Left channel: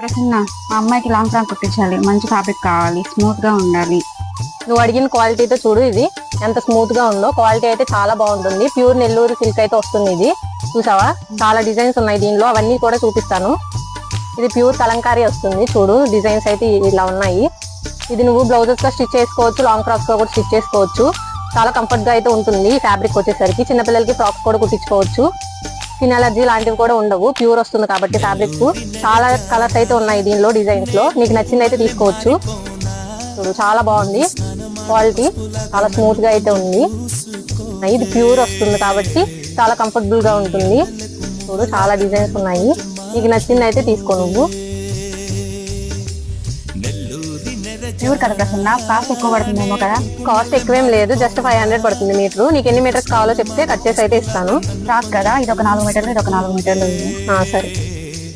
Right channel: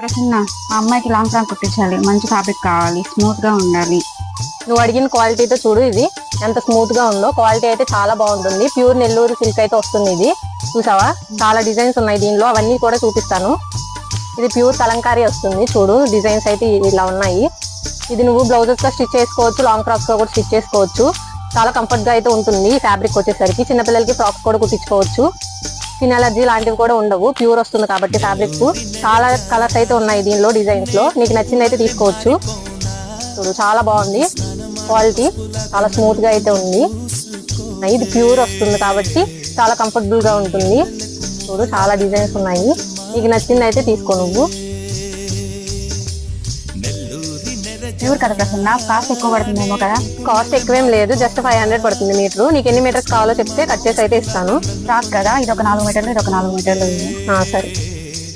ప్రసన్న, మా అమ్మాయికి long frock కుట్టించాలి. మంచి ఫ్యాబ్రిక్ కావాలి, స్మూత్ గా ఉండాలి. నువ్వు అడిగిన క్వాలిటీతో చూడు, ఇది ఎంత స్మూత్ గా ఉందో. క్వాలిటీ అయితే చాలా బాగుంటుంది. ప్యూర్ నెల్లూరు సిల్క్ అయితే వస్తుంది. ఇది చూసావా, చాలా డిజైన్స్ ఉన్నాయి దీనిలో, అవన్నీ కూడా చూపిస్తాను. ఇది ప్యూర్ కలంకారీ వస్తుంది. చూడు, డిజైన్స్ అయితే ఇలా ఉన్నాయి. ఇది నువ్వు బ్లౌజెస్ తో స్టిచ్ చేసుకోవచ్చు, లాంగ్ ఫ్రాక్స్ తో కూడా స్టిచ్ చేసుకోవచ్చు. చాలా కంఫర్ట్ గా అయితే ఉంటుంది. ఫ్యాబ్రిక్ వచ్చేసరికి చిన్నపిల్లలకి టాప్స్ కూడా కుట్టించుకోవచ్చు. స్కిన్ అలర్జీ లాంటివి కూడా ఉండవు, ప్యూర్ వస్తుంది కాబట్టి ఫ్యాబ్రిక్. చాలా కలర్స్ అయితే ఉన్నాయి దీనిలో, డిజైన్స్ లో. నీకు నచ్చింది అయితే తీసుకోవచ్చు. చాలా బాగుంది క్వాలిటీ, చాలా స్మూత్ గా అయితే ఉంది. ఇది ప్యూర్ వస్తుంది కాబట్టి చాలా కంఫర్టబుల్ గా ఉంటుంది. చాలా డిజైన్స్ ఉన్నాయి, నీకు నచ్చింది అయితే తీసుకో నువ్వు. ప్యూర్ కదా ప్రసన్న, కాస్ట్ ఎక్కువ పడుతుందేమో కదా? కాస్ట్ ఎక్కువేం లేదు, జస్ట్ 500 పడుతుంది మీటర్. నీకు ఎన్ని మీటర్స్ కావాలో చెప్తే కట్ చేసి అయితే ఇస్తాను. కదా, ఇది ఒక 4 మీటర్లు, ఇది ఒక 4 మీటర్లు. సరే.